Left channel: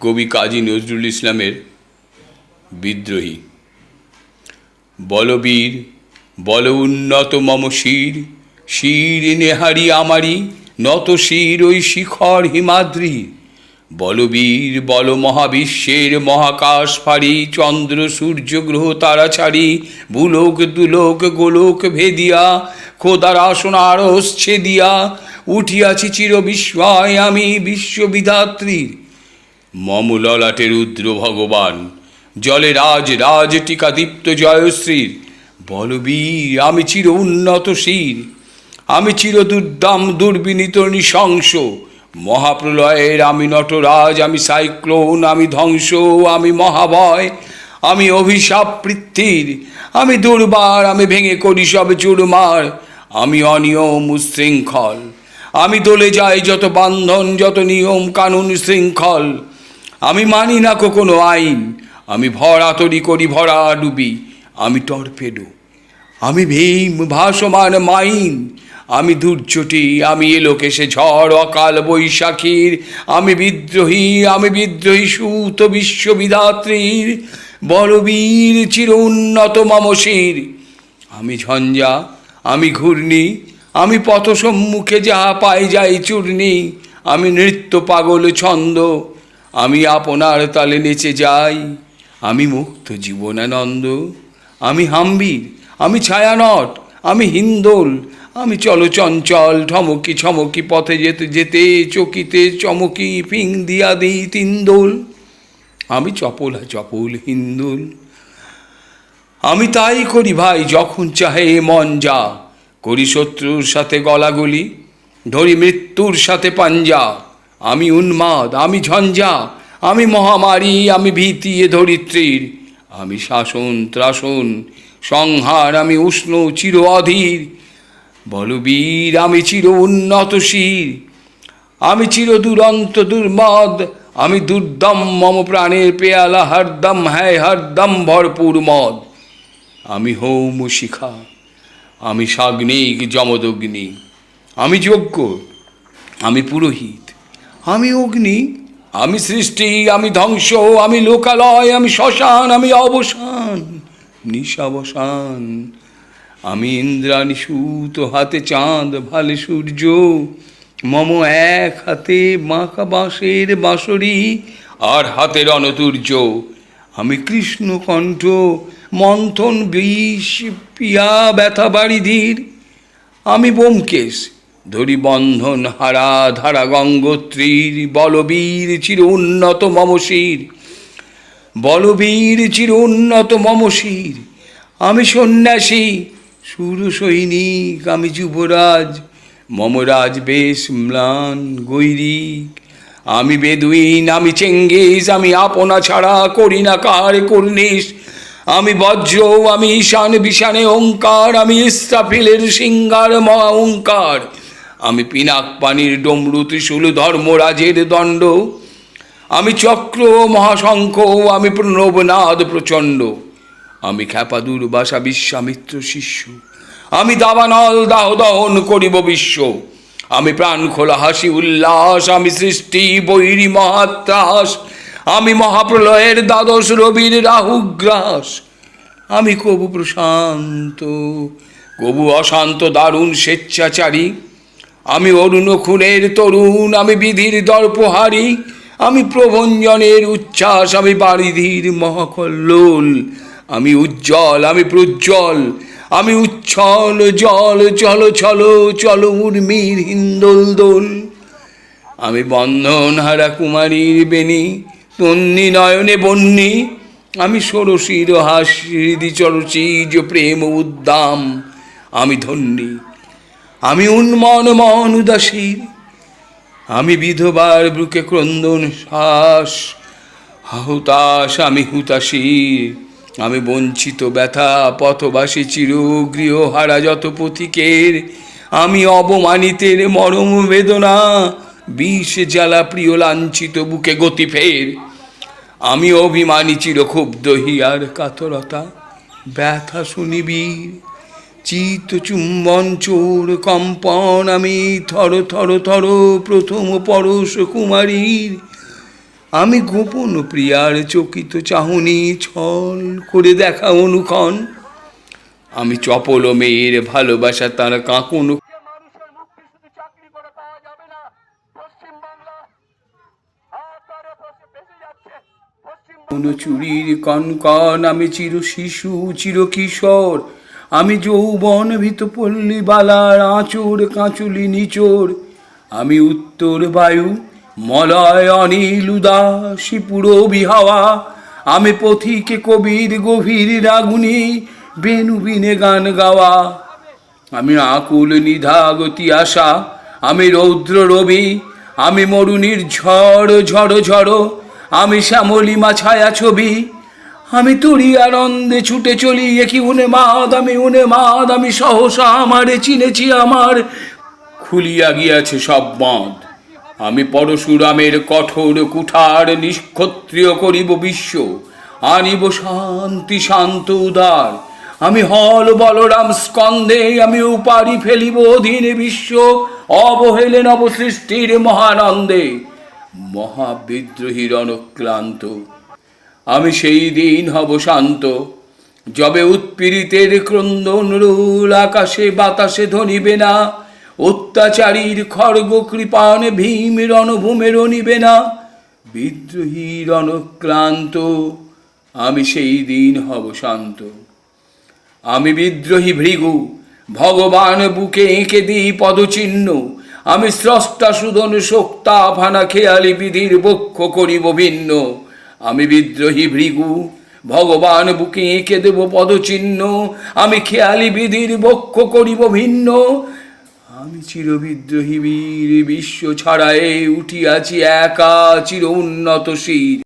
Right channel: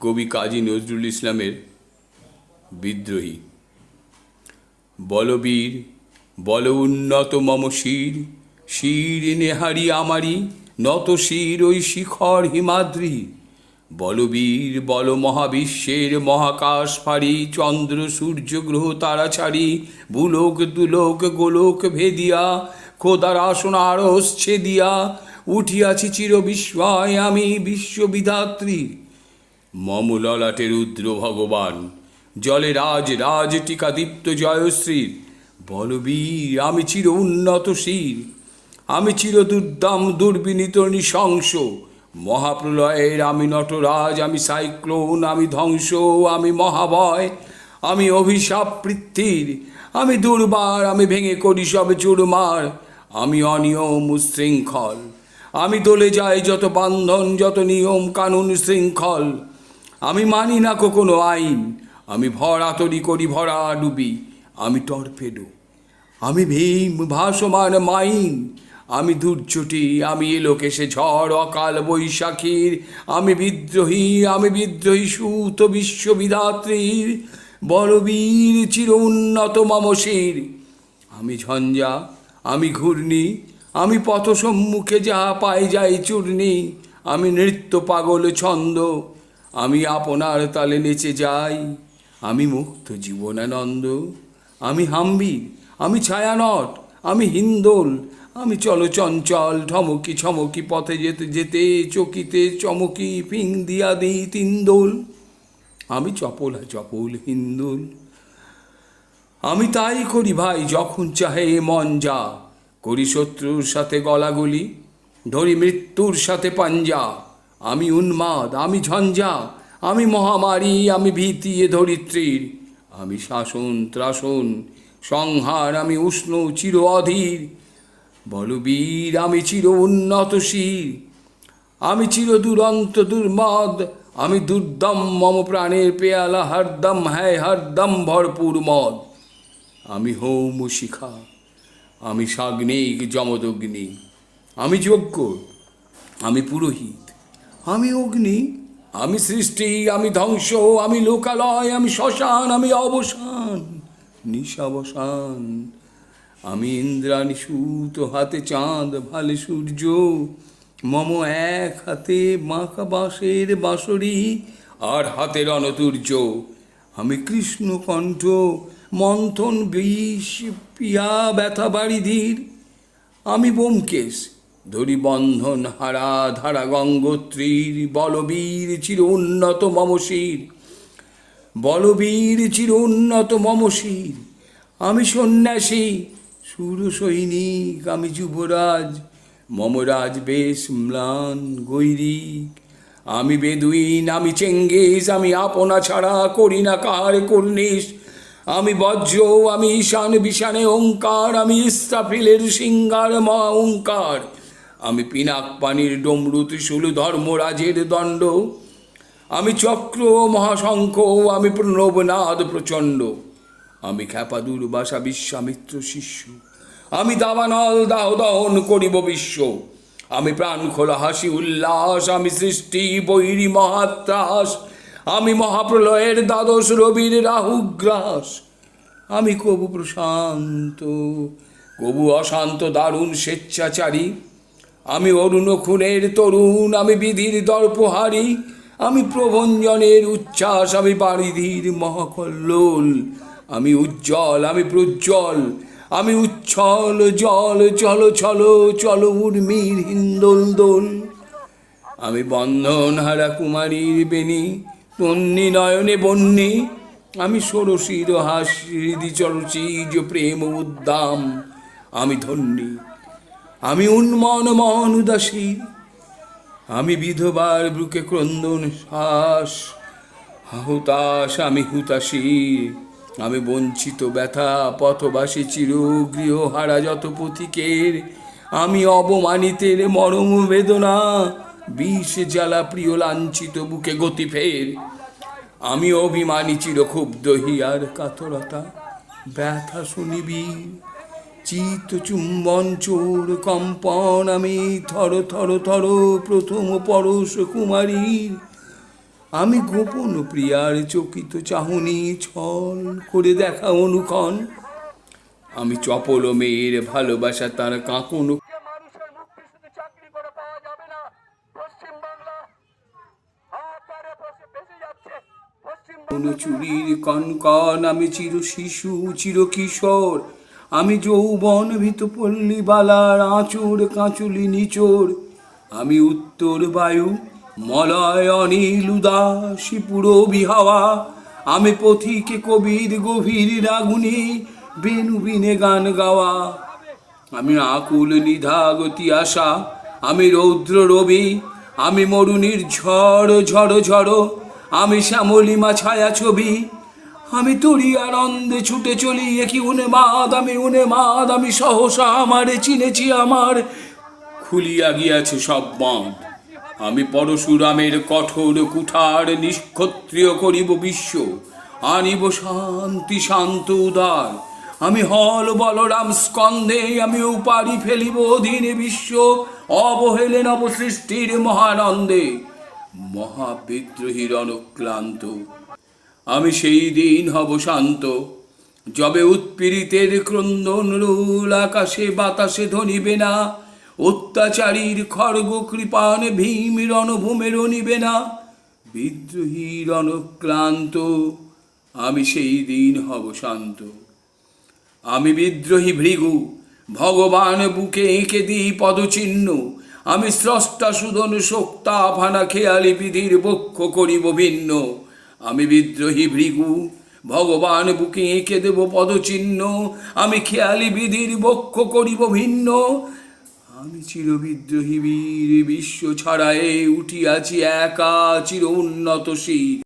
কবি কাজী নজরুল ইসলামের বিদ্রোহী। বলবীর বল উন্নত মম শির, শির নেহারি আমারি নত শির ওই শিখর হিমাদ্রি। বলবীর বল মহাবিশ্বের মহাকাশ ফাড়ি, চন্দ্র সূর্য গ্রহ তারা ছাড়ি, ভূলোক দুলোক গোলোক ভেদিয়া, খোদার আসন আরস ছেদিয়া, উঠিয়াছি চির বিস্ময় আমি বিশ্ববিধাত্রীর। মম ললাটে রুদ্র ভগবান, জলে রাজ রাজ টিকা দীপ্ত জয়শ্রীর। বলবীর আমি চির উন্নত শির, আমি চির দুর্দাম দুর্বিনীত নৃশংস। মহাপ্রলয়ের আমি নটরাজ, আমি সাইক্লোন, আমি ধ্বংস, আমি মহাভয়, আমি অভিশাপ পৃথ্বীর। আমি দুর্বার, আমি ভেঙে করি সব চুরমার, আমি অনিয়ম উশৃঙ্খল। আমি দলে যাই যত বান্ধন, যত নিয়ম কানুন শৃঙ্খল। আমি মানি না কোনো আইন, আমি ভরা তরি করি ভরা ডুবি। আমি টর্পেডো, আমি ভীম ভাসমান মাইন। আমি দুর্যটি, আমি এলোকেশে ঝড় অকাল বৈশাখীর। আমি বিদ্রোহী সুত বিশ্ববিধাত্রীর। বলবীর চির উন্নত মম শির। আমি ঝঞ্ঝা, আমি ঘূর্ণি, আমি পথ সম্মুখে যাহা পাই যাই চূর্ণি। আমি নৃত্য পাগল ছন্দ, আমি আপনার তালে নেচে যাই। আমি মুক্ত জীবনানন্দ, আমি হাম্বির, আমি ছায়ানট, আমি হিন্দোল। আমি চলচঞ্চল ঠমকি ছমকি পথে যেতে যেতে চকিতে চমকি ফিং দিয়া দিই তিনদোল। আমি চপলা চপল হিন্দোল। আমি তাই করি ভাই যখন চাহে মন যা, করি শত্রুর সাথে গলাগলি, ধরি মৃত্যুর সাথে পাঞ্জা। আমি উন্মাদ, আমি ঝঞ্ঝা, আমি মহামারী, আমি ভীতি এ ধরিত্রীর। আমি শাসন ত্রাসন সংহার, আমি উষ্ণ চির অধীর। বলবীর আমি চির উন্নত শির, আমি চির দুরন্ত দুর্মদ, আমি দুর্দম মম প্রাণের পেয়ালা হরদম হ্যায় হরদম ভরপুর মদ। আমি হোম শিখা, আমি সাগ্নিক যমদগ্নি, আমি যজ্ঞ, আমি পুরোহিত, আমি অগ্নি, আমি সৃষ্টি, আমি ধ্বংস, আমি লোকালয়, আমি শ্মশান, আমি অবসান নিশাবসান। আমি ইন্দ্রাণী সুত, হাতে চাঁদ ভালে সূর্য, মম এক হাতে বাঁকা বাঁশের বাঁশরি, আর হাতের অনতুর্য। আমি কৃষ্ণকণ্ঠ, মন্থন বিষ পিয়া ব্যথা বাড়িধীর। আমি ব্যোমকেশ, ধরি বন্ধন হারা ধারা গঙ্গোত্রীর। বলবীর চির উন্নত মম শির, বলবীর চির উন্নত মম শির। আমি সন্ন্যাসী সুর সৈনিক, আমি যুবরাজ, মম রাজ বেশ ম্লান গৈরিক। আমি বেদুইন, আমি চেঙ্গিস, আমি আপনা ছাড়া করি না কার কর্নিশ। আমি বজ্র, আমি ঈশান বিশানে ওঙ্কার, আমি ইস্রাফিলের সিঙ্গার মহা ওঙ্কার। আমি পিনাক পানির ডমরু ত্রিশূল ধর্মরাজের দণ্ড। আমি চক্র মহাশঙ্খ, আমি প্রণবনাদ প্রচণ্ড। আমি খ্যাপা দুর্বাসা বিশ্বামিত্র শিষ্য, আমি দাবানল দাহ দহন করিব বিশ্ব। আমি প্রাণ খোলা হাসি উল্লাস, আমি সৃষ্টি বৈরী মহাত্রাস। আমি মহাপ্রলয়ের দ্বাদশ রবির রাহুগ্রাস। আমি কবু প্রশান্ত, কবু অশান্ত দারুণ স্বেচ্ছাচারী। আমি অরুণ খুনের তরুণ, আমি বিধির দর্পহারী। আমি প্রভঞ্জনের উচ্ছ্বাস, আমি বারিধির মহাকল্লোল। আমি উজ্জ্বল, আমি প্রজ্জ্বল, আমি উচ্ছল জল চল ছল চল উর্মির হিন্দোল দোল। আমি বন্ধন হারা কুমারীর বেণী, তন্নি নয়নে বন্যী। আমি ষোড়শীর হাস হৃদি চরচিজ প্রেম উদ্দাম, আমি ধন্যী। আমি উন্মন মন উদাসীর, আমি বিধবার বুকে ক্রন্দন শ্বাস। হুতাশ, আমি হুতাশীর, আমি বঞ্চিত ব্যথা পথবাসী চির গৃহহারা যত পথিকের। আমি অবমানিতের মরম বেদনা, বিষ জ্বালা প্রিয় লাঞ্ছিত বুকে গতি ফের। আমি অভিমানী চির ক্ষুব্ধ হিয়ার কাতরতা, ব্যথা শুনিবীর চিত চুম্বন চোর কম্পন। আমি থর থর থর প্রথম পরশ কুমারীর। আমি গোপন প্রিয়ার চকিত চাহনি ছল করে দেখা অনুক্ষণ। আমি চপল মেয়ের ভালোবাসা তার কাঁকন যে মানুষের মুক্তি শুধু চাকরি করে পাওয়া যাবে না। পশ্চিম বাংলা হাতারে বেঁচে যাচ্ছে। পশ্চিম বাংলা চুরির কনকন। আমি চির শিশু চির কিশোর। আমি যৌবন ভীত পল্লী বালার আঁচড় কাঁচুলি নিচোর। আমি উত্তর বায়ু মলয় অনিল উদাসী পুরবী হাওয়া। আমি পথিকে কবির গভীর রাগুনি বেনু বিনে গান গাওয়া। আমি আকুল নিধাগতি আশা। আমি রৌদ্র রবি। আমি মরুনির ঝড় ঝড় ঝড়। আমি শ্যামলিমা ছায়া ছবি। আমি তুরি আনন্দে ছুটে চলি একি উন্মাদ। আমি উন্মাদ। আমি সহসা আমারে চিনেছি আমার খুলিয়া গিয়াছে সব বাঁধ। আমি পরশুরামের কঠোর কুঠার নিষ্ক্ষত্রিয় করিব বিশ্ব। আনিব শান্তি শান্ত উদার। আমি হল বলরাম স্কন্ধে। আমি উপারি ফেলিব অধীন বিশ্ব অবহেলে নবসৃষ্টির মহানন্দে। মহাবিদ্রোহীর অনুক্লান্ত আমি সেই দিন হব শান্ত, যবে উৎপীড়িতের ক্রন্দন রোল আকাশে বাতাসে ধ্বনিবে না। অত্যাচারীর খড়গ কৃপাণ ভীম রণভূমে রণিবে না। বিদ্রোহীর অনুক্লান্ত আমি সেই দিন হব শান্ত। আমি বিদ্রোহী ভৃগু ভগবান বুকে এঁকে দিই পদচিহ্ন। আমি স্রষ্টা সুদন শোক্তা ফানা খেয়ালি বিধির বক্ষ করিব ভিন্ন। আমি বিদ্রোহী ভৃগু ভগবান বুকে এঁকে দেব পদচিহ্ন। আমি খেয়ালি বিধির বক্ষ করিব ভিন্ন। আমি চিরবিদ্রোহী বীর বিশ্ব ছাড়ায়ে উঠিয়াছি একা চির উন্নত শির।